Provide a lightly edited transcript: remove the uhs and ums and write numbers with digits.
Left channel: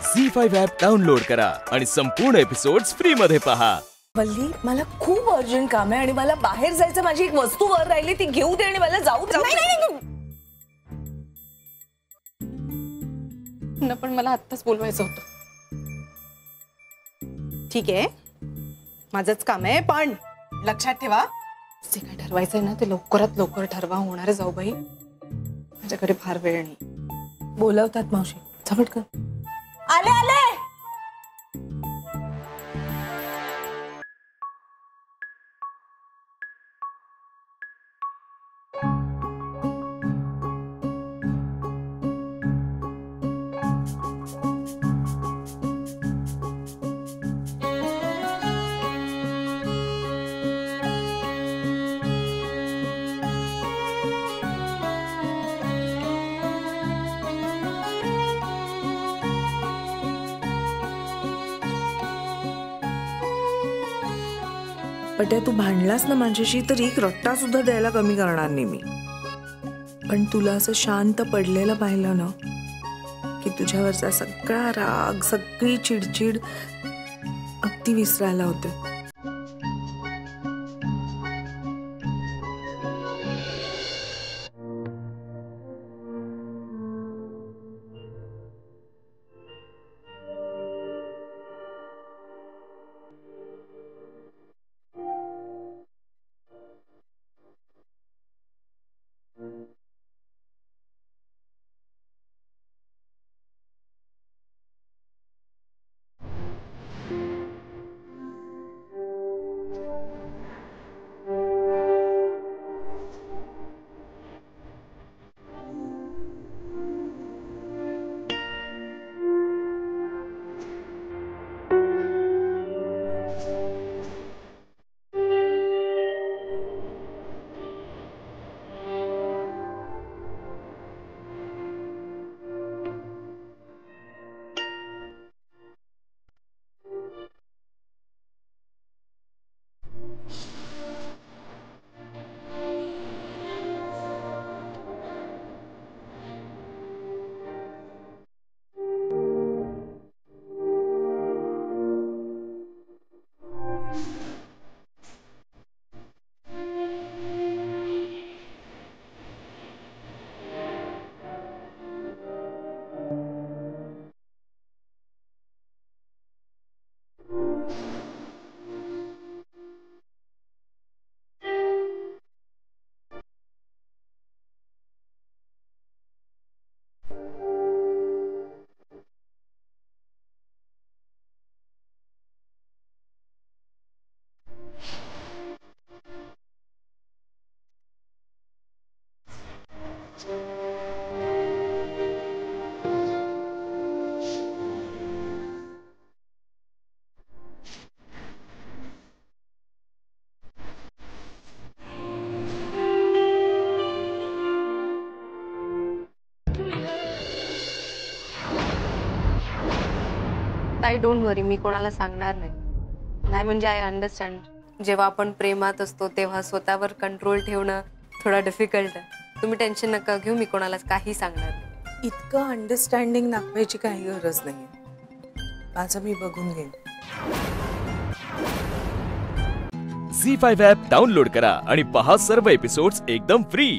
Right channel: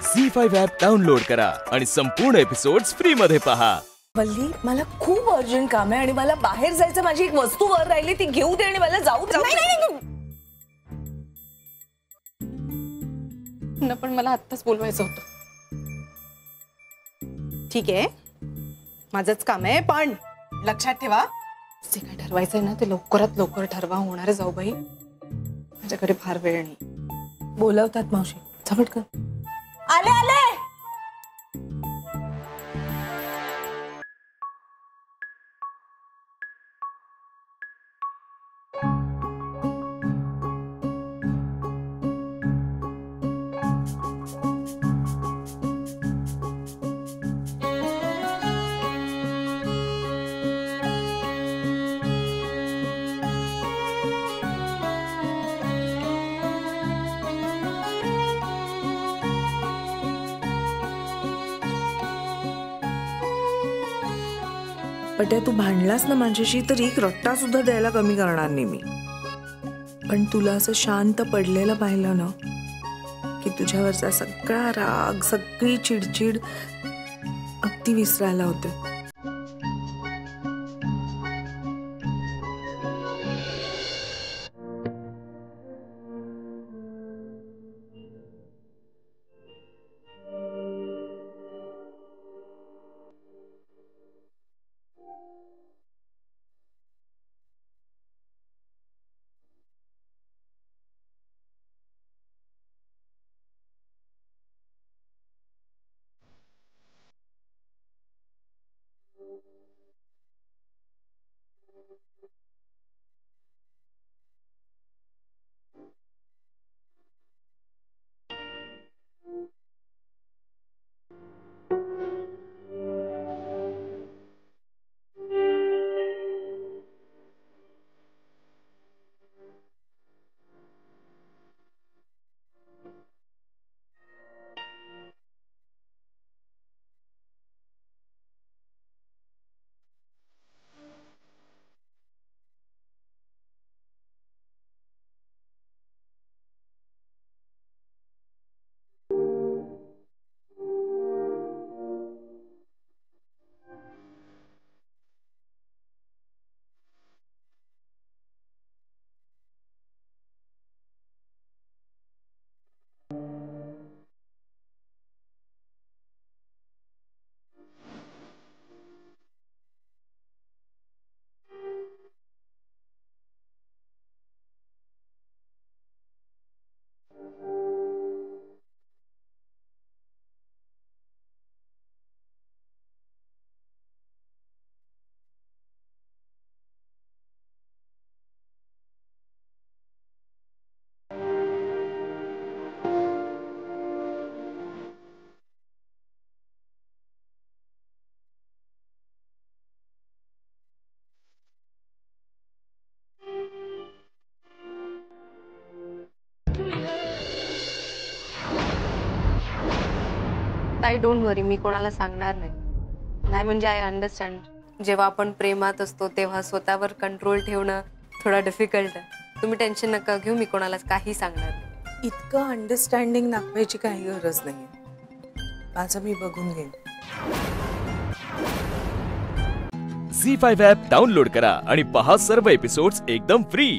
झी5 app download करा आणि संपूर्ण एपिसोड्स फ्री मध्ये पहा। वल्ली, मला खूप अर्जंट काम आहे आणि मला बाहेर जायचं, माझी एक वस्तू वर राहिली ती घेऊ दे आणि मला जाऊ दे। न पण मला आत्ताच बोलवायचं होतं। ठीक आहे, माझंच काम आहे, पण लक्षात ठेवा जे काय ठरवायचंय ना ते लवकरात लवकर ठरवा। होणार जाऊ बाई, माझ्याकडे फार वेळ नाही। बोलवतात मावशी, झपटकन। आले आले। पट्या, तू भांडलास ना माझ्याशी तर एक रट्टा सुद्धा द्यायला कमी करणार नाही मी। पण तुला असं शांत पडलेलं पाहिलं ना की तुझ्यावरचा सगळा राग, सगळी चिडचिड अगदी विसरायला होते। ताई, डोंट वरी, मी कोणाला सांगणार नाही। म्हणजे आय अंडरस्टँड, जेव्हा आपण प्रेमात असतो तेव्हा स्वतःवर कंट्रोल ठेवणं थोडा डिफिकल्ट आहे। तुम्ही टेन्शन नका घेऊ, मी कोणालाच काही सांगणार नाही। इतकं अंडरस्टँडिंग दाखवायची काही गरज नाही, माझं मी बघून घेईन। झी5 ॲप डाउनलोड करा आणि पहा सर्व एपिसोड्स एकदम फ्री।